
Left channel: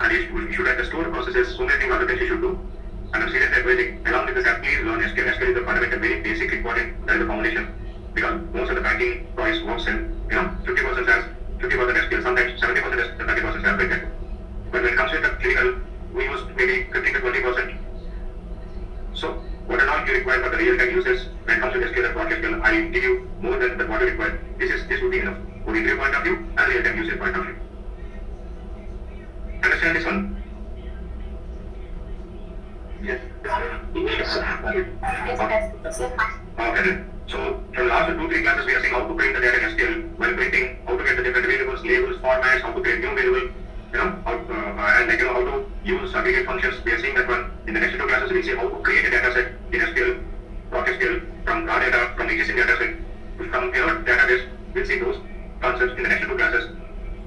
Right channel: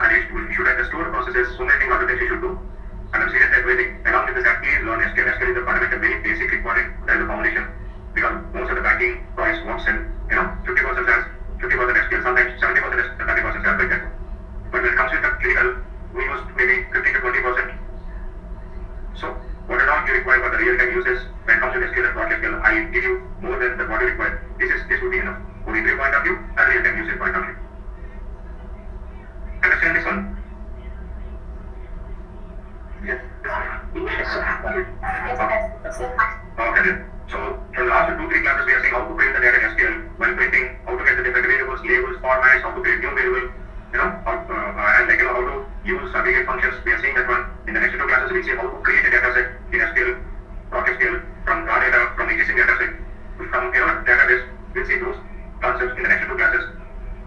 and you should understand the processes, so many things other things you should do. And I'm seriously advising, along with this, please learn SQL. SQL is the fundamental, very basic reporting, that is the foundation. Because most of the banking price works in, 50% as 50% SQL, sometimes 70% is 30% as like that. But when it comes to the clinical, we use maybe 15 to 20%. So, what are all you require for the real-time uses when it comes to SQL and process skill? I will give you more than what you require. This would be enough. For the point of view and real-time usage point of view. Understand this one? Yes. Okay then. So from last 2-3 classes we are seeing how to print the data in SQL while printing, how to get the different variables, labels, formats, how to create new variable, how to use aggregate functions. We are seeing that one. In the next 2 classes we see how to create a data set in SQL, process skill from raw data, from existing data set, from database. We'll see those concepts in the next 2 classes.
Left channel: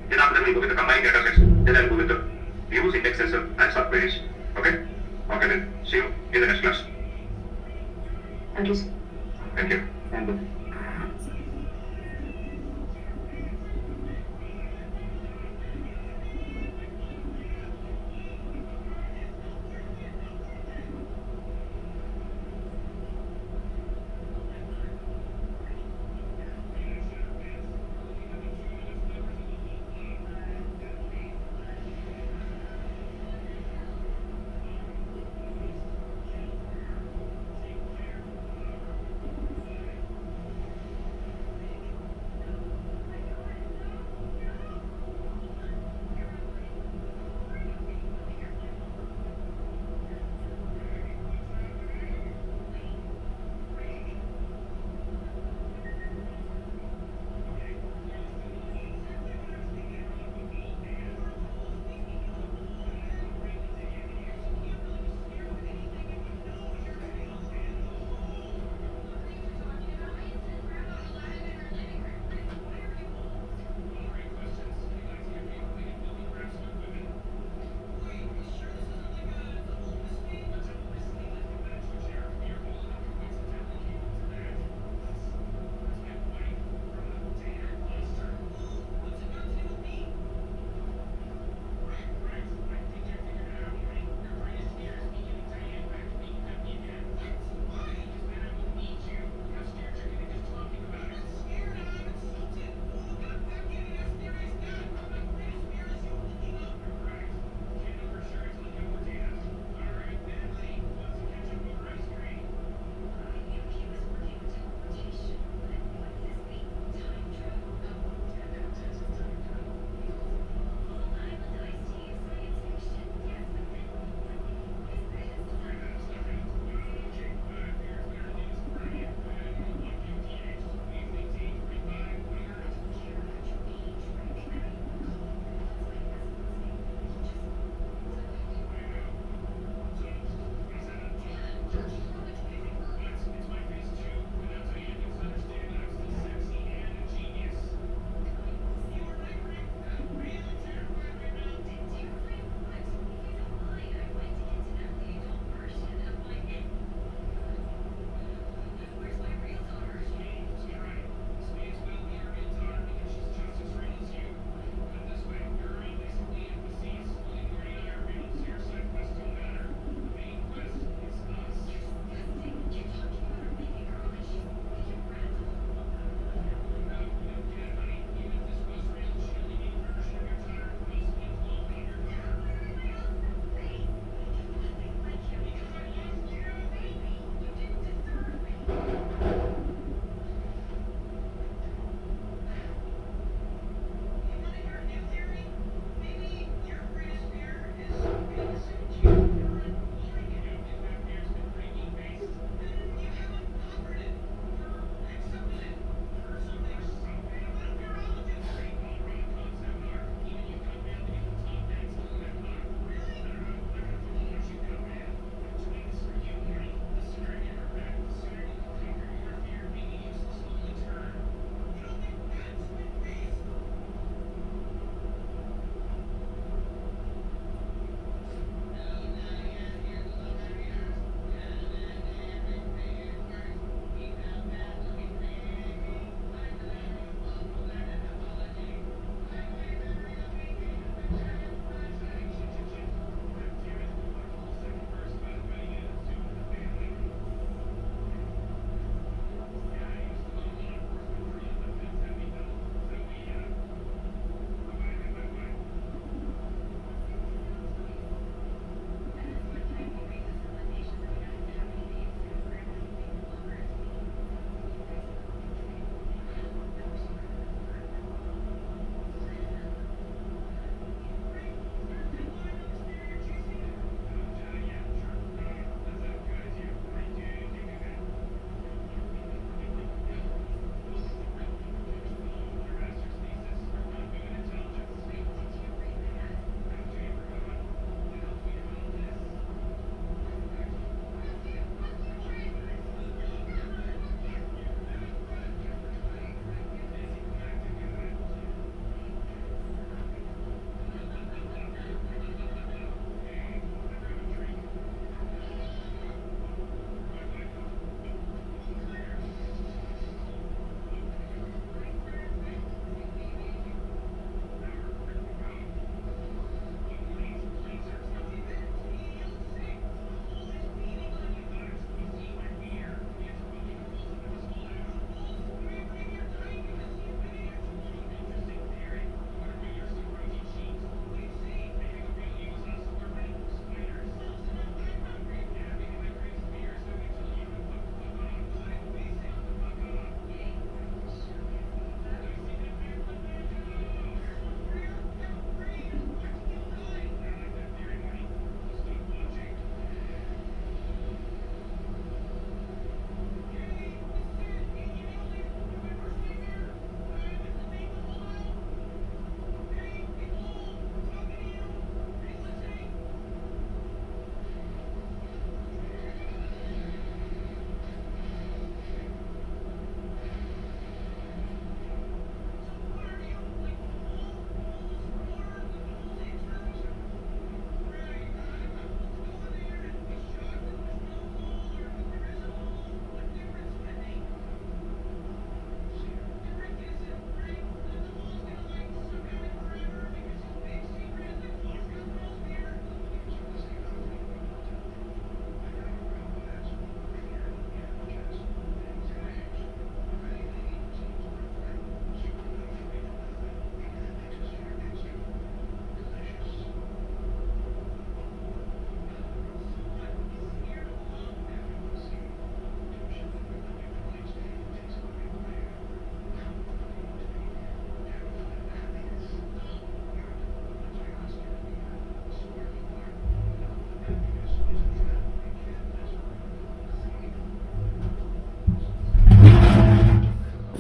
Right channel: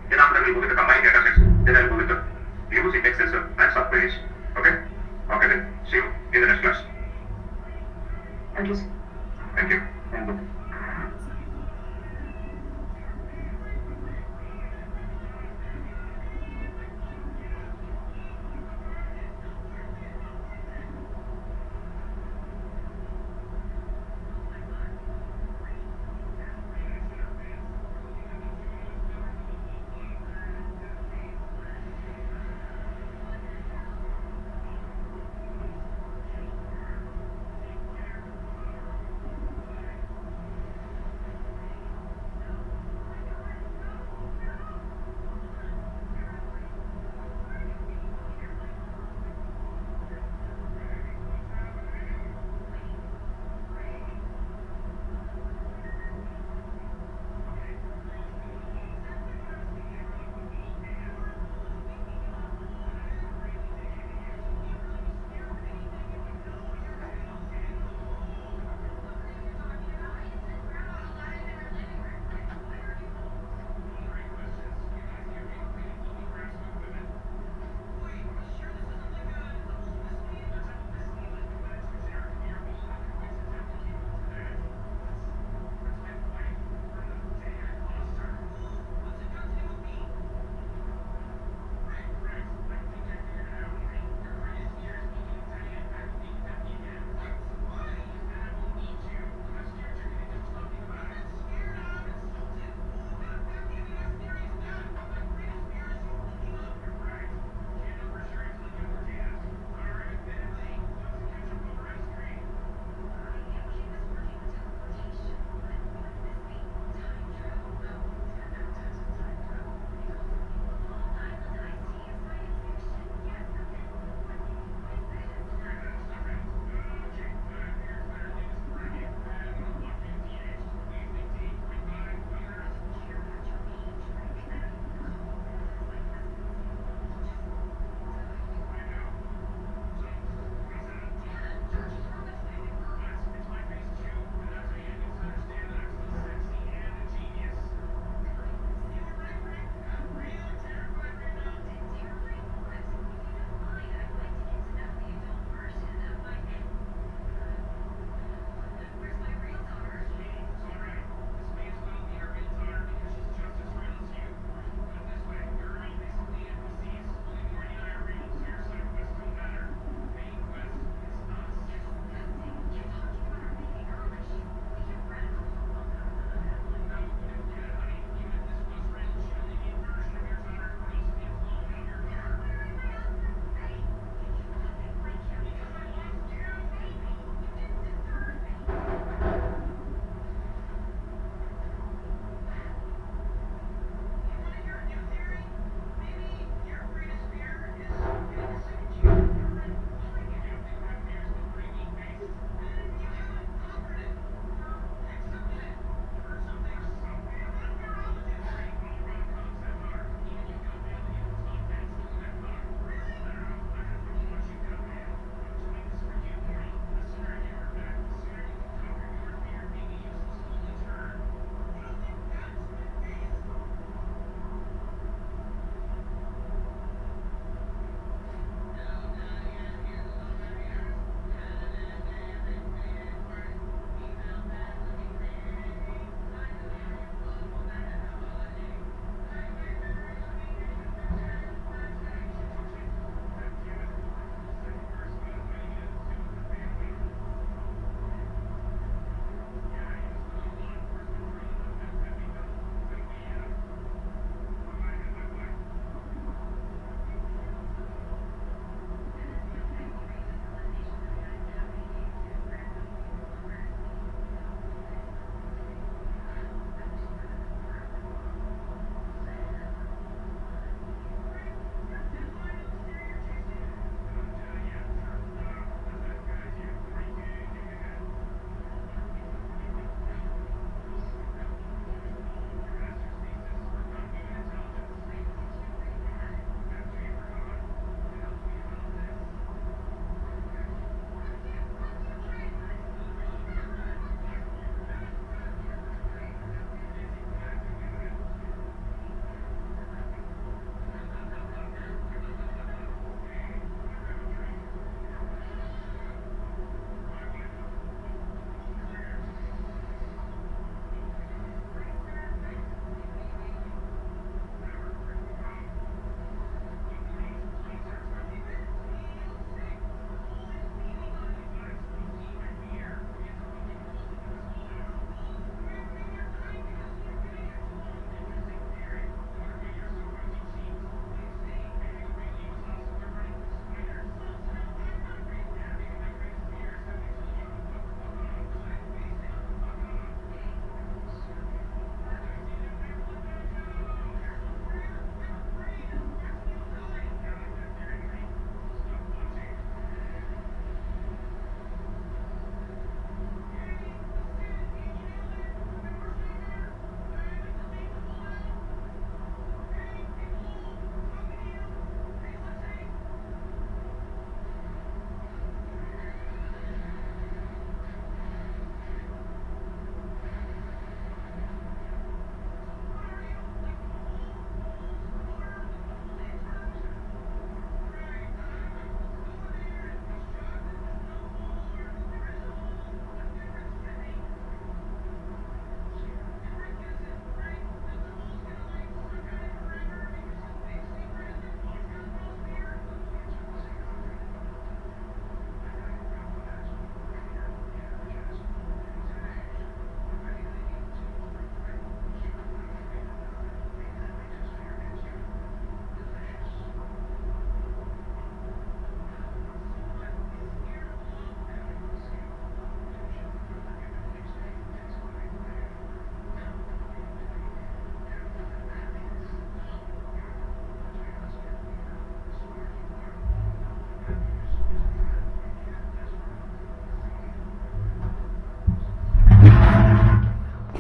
Then after that we'll go with the combined data sets. Then I'll go with the use indexes and subqueries. Okay? Okay then. See you in the next class. Thank you, sir. Thank you. Thank you.